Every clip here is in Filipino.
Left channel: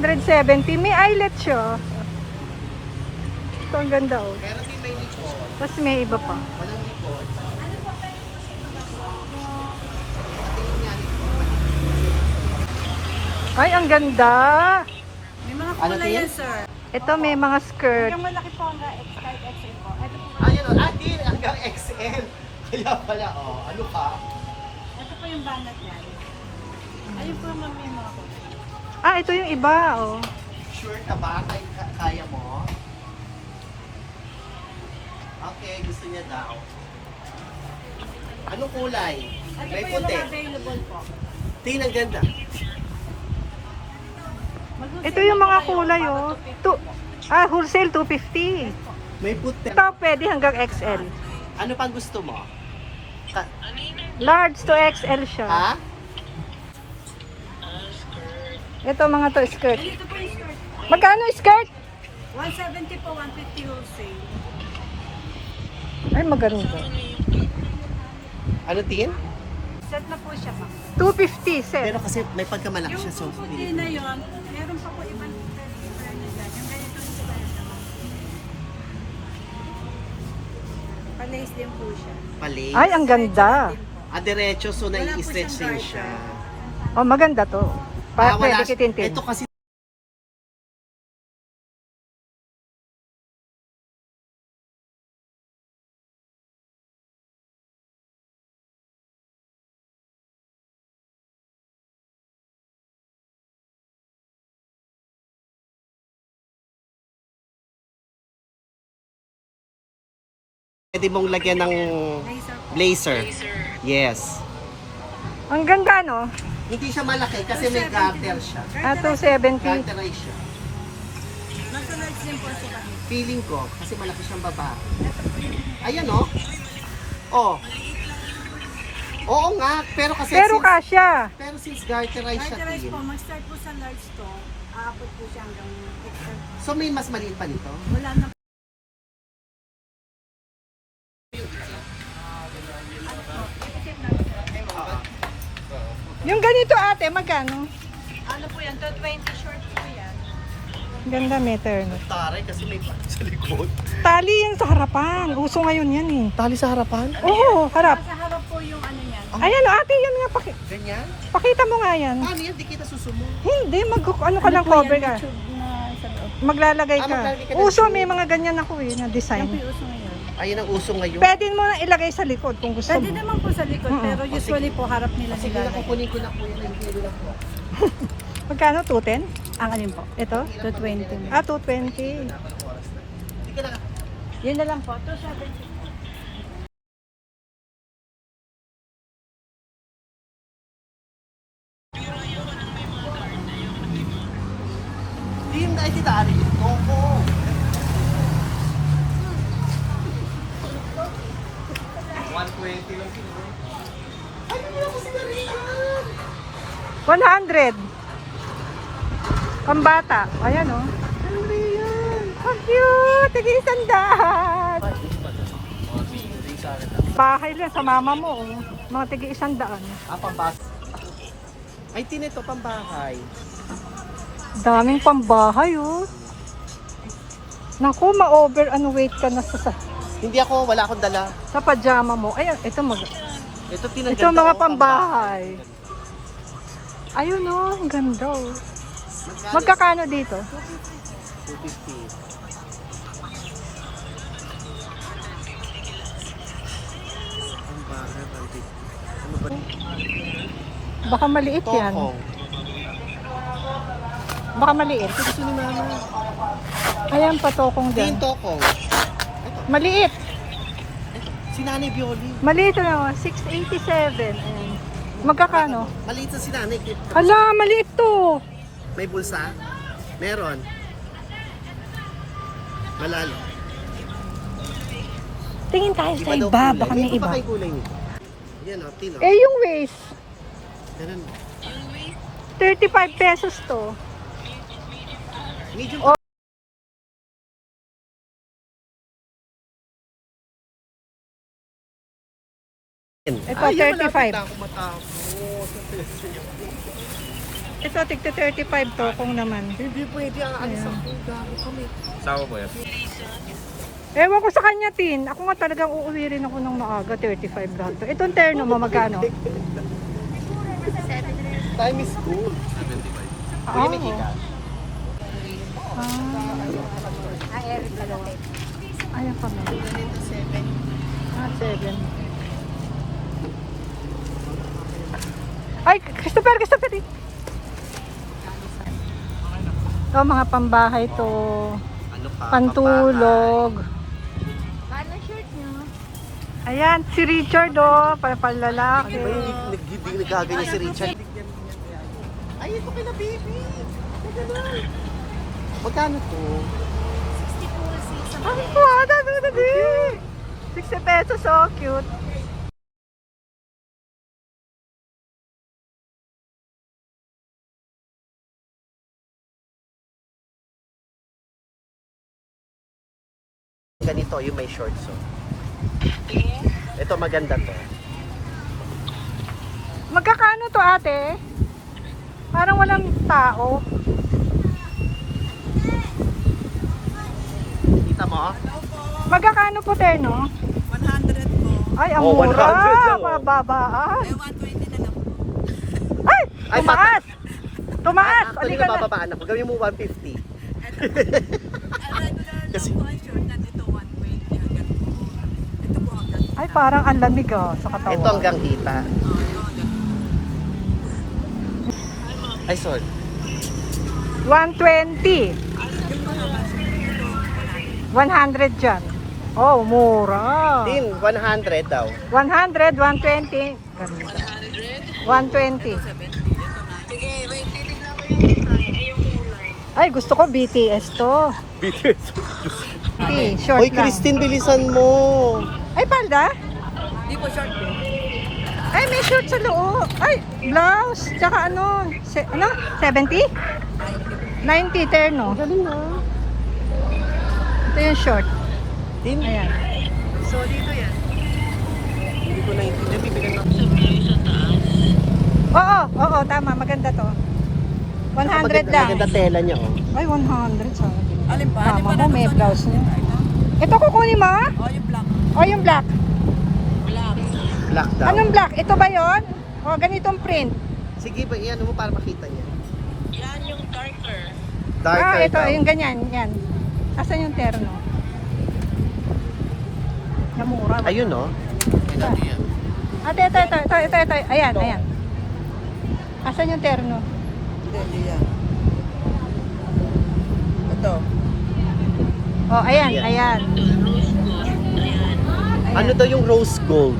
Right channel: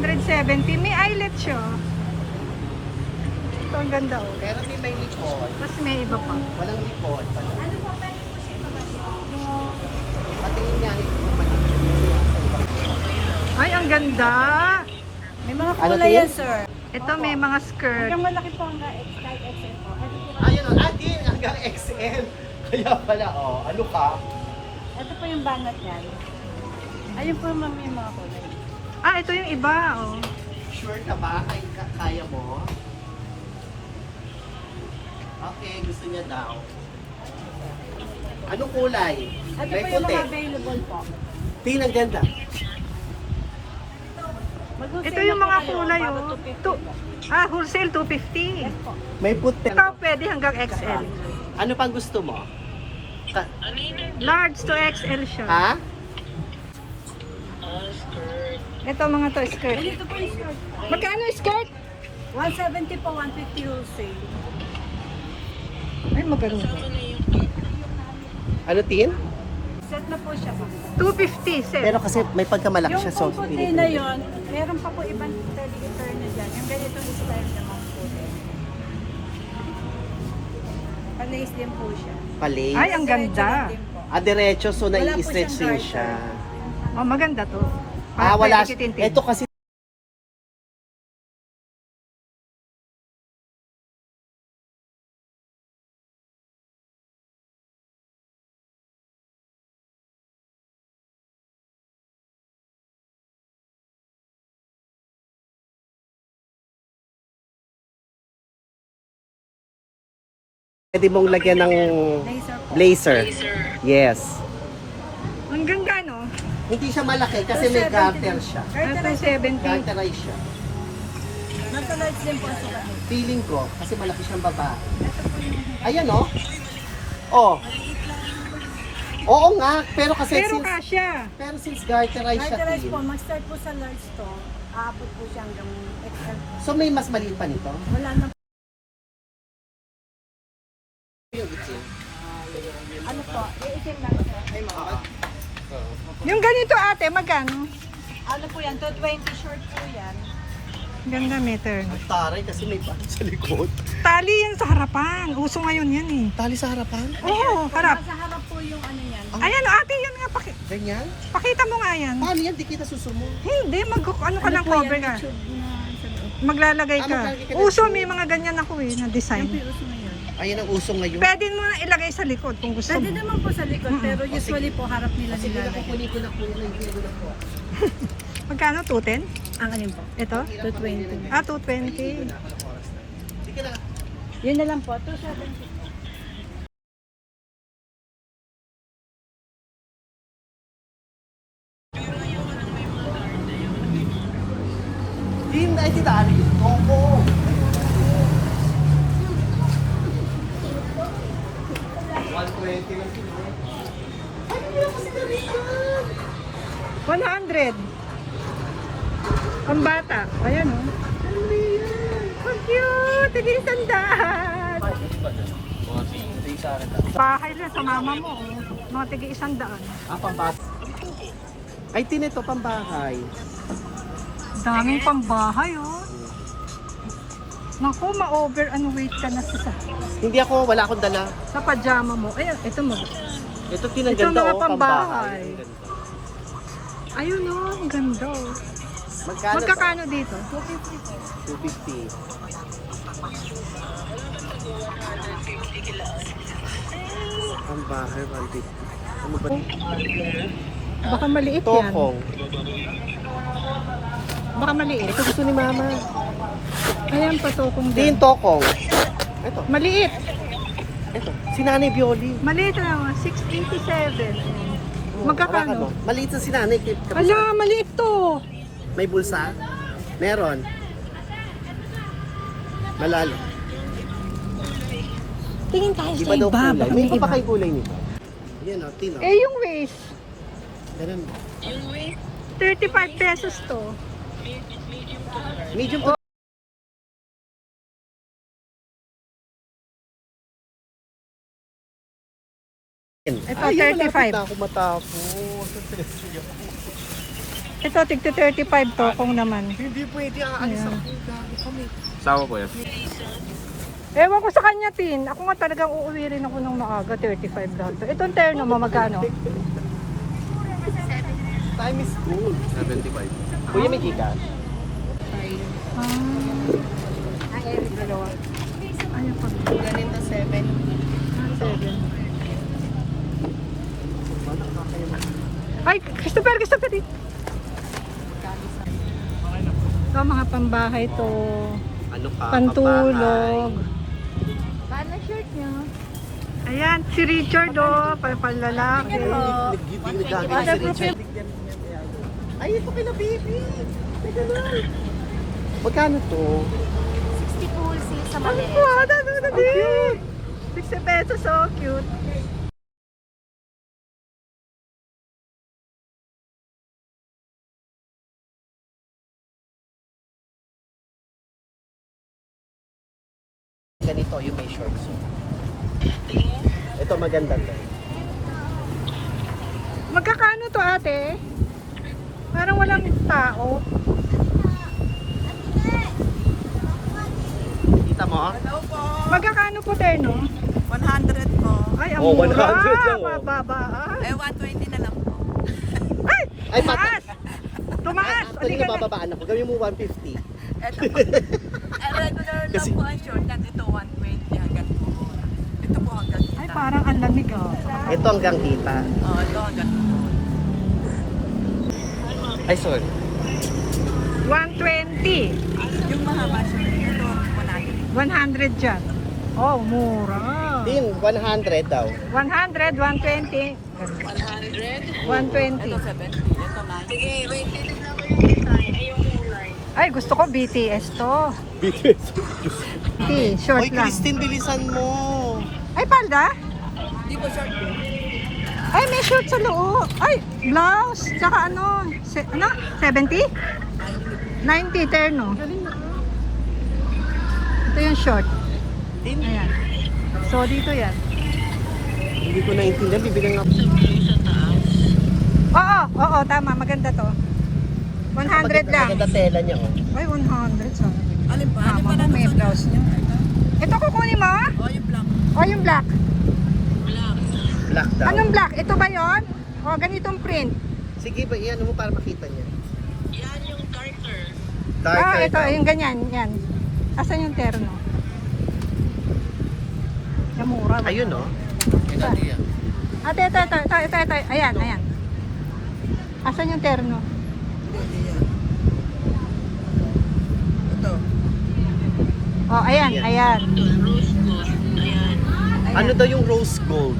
270. May eyelet siya. Ito ang ganda oh. Meron din may likod. Mas may iba pa. Walang likod. Ay, ang ganda. May mga Ano kulay din? yan, sir. Ito may mga skirt. Hanggang malaki po hanggang kahit XL po. Ito po, Ayun o, din hanggang XL. Kaya pala, oh, ano ka? ito po yung banat yan. Ayun po ma'am yung mga kulay. Ah, ito yung iba oh. Sure ka ba? Kaya mo? Okay, gusto niya daw. Anong kulay? Ito May po yung puti. mga available po. Tingnan ganda. Ito yung mga kulay oh. Wholesale 250. Yes po. May puti. Ito pwede hanggang XL. Ano pang gusto mo? Large to XL siya. Ha? Ito mga to skirt. Ito po yung skirt. Magkano skirt? 170 po, 150 wholesale. Ay, maganda. Ano tin? Set na po siya ma'am. 250 set. Pero kasi may pagkamalaki Yung siya, so pong puti na yun, meron pa po ibang filter na dyan. Yung ganito yung style naman po. Palace din po siya. Palay. Ay, ang ganda. Diretso, so Wala po nai-stretch siyang din siya. Oh, maganda to. Wala. Pwede kitintin. Ito kasi pwede mong lagyan ng Laser po. blazer. Yes. Hanggang kano? Hindi siya malaki kasi may garter siya. Ah, 270. Garterize siya. Nasa large din po siya. Feeling ko, kasi malaki siyang baba. Ayan o. Oh. Oo nga, pero kasi Pero since, kasya. pero since garterize siya, Carterize po, Tin, mag-start po sa large to, aabot po siya hanggang XL po. so may mas maliit pa nito. Wala na po. Ano po? Iitim lang. Yung ganito ate, magkano? Ano po yan? 220 short po yan. Ganda meter. Taray kasi may bag sa likod. Tali yan sa harapan. Uso ngayon yan eh. Tali sa harapan? Oo, harap. Sa harap po yung ano yan. Ayan ate, yan nga. Ganyan? Pakita mo nga yan. Paano yan? Di kita susumo. Hindi, ano ka ng cover ka. Maglalagay ka. maglalagay ka ng Uso, shoe. may mga ganyan ako eh, na Ano design. po yung uso ngayon? Ayan ang uso ngayon. Pwede mo na ilagay sa likod kung gusto Pwede mo. naman po sa likod, pero usually po harap nila Sige sila. na, kukunin ko na po yun. Hindi na po. Magkano? 210? Ang alin po? Ito? 220. Ah, 220. Sige na. Yun na lang po. 270. Hindi na ito dali. Toko. $120 lang sila. Ay, hindi ako sigaritan. 100. Pambata. Ayan oh. Ang cute! Tigi-100. Bahay lang sa mama mo. Oh. Mga tigi-100. Pambahay. Ay, tinito pambahay. Daming pambahay oh. Naku, ma-over and weight ka na Hindi ako, wala akong dala. sa pajama mo. Ayan, ito Ito tinaganda. Ito mga oh, pambahay. Ayun oh, ang ganda oh. Magkano? Magkakano dito? 250. Pambahay, 150. Ano ba? Baka maliit yan. Tokong. Baka maliit. Ito gusto ni mama. Ayan, patokong Ito dyan. yung tokong. Ito. Maliit. Ito. Si Nanay Bioli. Maliit na 687. Ayan. Magkakano? Maliit na si Nanay. Ala, maliit to. May bulsa? Meron. Malalo. Tingin tayo sa Iba daw iba. kulay. Baka May may iba iba. pa kayong kulay nito. Yan o, tino. Eh, yung waist. Ganun ba? 35 pesos to. Medium Oh. Ito, Ay, 35. malapit na ako matapos. Ito, tig 35 to kung naman. Hindi pwede, aalis ako. Gago kami. Sawa po yan. Ewan ko sa kanya, Tin. Ako nga talagang uuwi rin ako ng maaga, 35 lahat. Itong terno mo, magkano? Time is cool. 75. Kuya, may kikas. Ayan pa. Ganito 7. 7. Ay, Christopher! Ito, mga pambahay to. Ano ka? Pantulog. Paano shirt niyo? Ayan, si Richard, oh. Palalaki. Hindi nagagawin si Richard. Ay, ito kina baby. Teka lang. Magkano to? 60 po sa Ang mali. wala na din. 60 pesos, so cute. Ganito, yung may shorts. So. Ito maganda to. Magkakano to, ate? Parang walang tao. Kita mo? Magkakano po, terno? 100 po. Ay, ang Oh, mura. 100 lang, oh. Mababa. Eh, 120 na lang po. Ay, Ay, tumaas. Tumaas. Actually, Halika na. nabababaan na po. Gawin mo 150. Ito po. Regular lang po ang short. Ito 120 hanggang po. Ito po hanggang. Ay, parang ang lamig, oh, sa katawan. Ito hanggang kita. Oh, ito hanggang. Ay, sorry. 120. Yung mahaba siya. Ito, 100. 100 dyan. Oh, mura. Din, 100 daw. 100, 120. 100. 120. Ito 70. Ito 90. Sige, wait. Titignan ko yung design. Ay, yung kulay. Ay, gusto ko BTS to. BTS. Short Hoy, lang. Christine, bilisan mo. Ay, palda? Hindi po short po. Ay, may short sa loob. Ay, blouse. Tsaka ano? 70? 90, terno. Galing ha. Ito yung short. Din, Ayan. So, dito yan. hindi ko naiintindihan. Bibilang ako. Oo, tama. Maganda to. 100 lang. Maganda tela niya. Oh. Ay, 100. Sana. Alin pa? Mama mo, may blouse niya. Ito kukunin mo? Oh, yung black. O, yung black. Black daw. Anong black? Ito ba yon? O, ganitong print. Sige ba, iyan mo para makita niya. Yan yung darker. Darker Ito, daw. yung ganyan. Yan. Asan yung terno? Yung mura. ba? Ayun, no? Ate, ito. Ayan. Asan yung terno? Ito. O, ayan. Ano daw yung rose gold?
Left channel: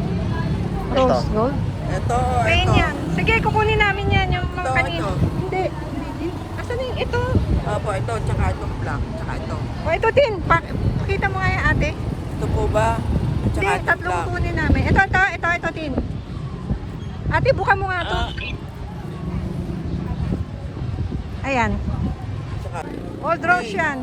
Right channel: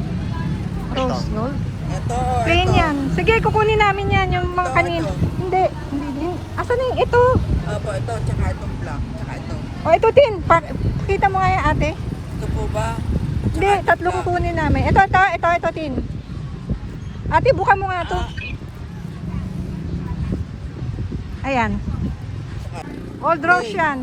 Rose gold? Ito, Plain yan. Sige, kukunin namin yan. Yung mga Ito, kanin. ito. Hindi. Asan yung ito? Opo, ito, tsaka itong black, tsaka ito. O, ito din. Pakita mo nga yan, ate. Ito po ba? Hindi, tatlo kukunin namin. Ito, tin. Ate, buka mo nga ito. Ayan. Old rose yan.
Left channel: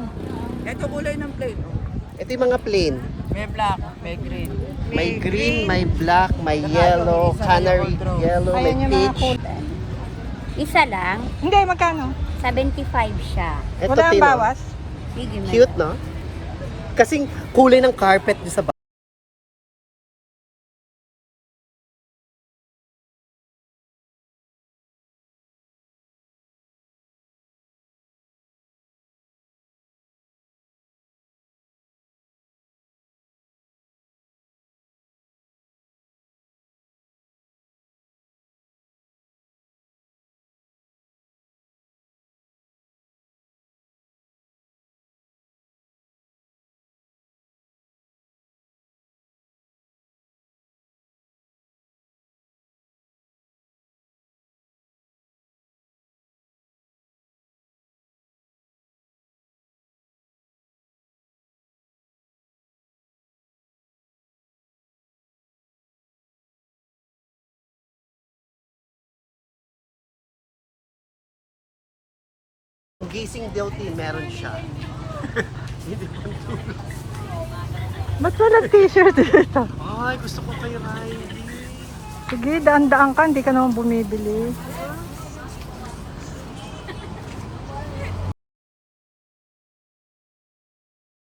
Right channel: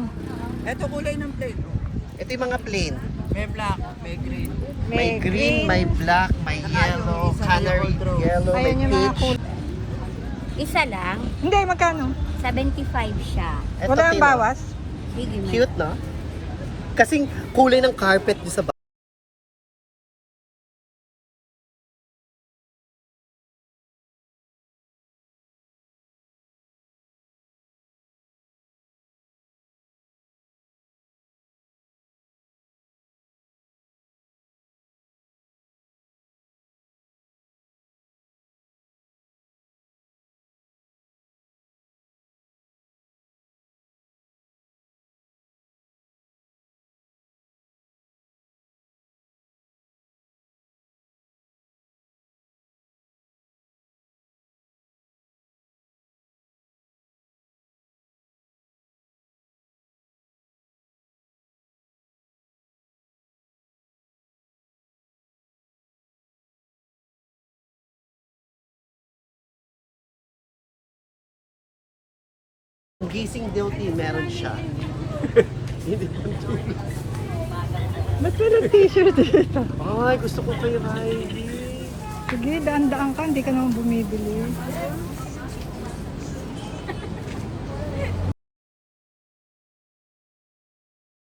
Ito kulay ng plain. Oh. Ito yung mga plain. May black, may green. May green, may black, may yellow, canary yellow, may Ayan yung mga peach. kulay. Isa lang, Hindi, magkano? 75 siya. Ito, Wala ang Tino. bawas? Sige, may Cute, no? Kasing kulay ng carpet doon sa gising guilty, meron siya. Hindi ko tulog. Ba't walang t-shirt dito? Ay, gusto ko kay Riley. Sige, daan-daan ka, hindi ka naman bumibili.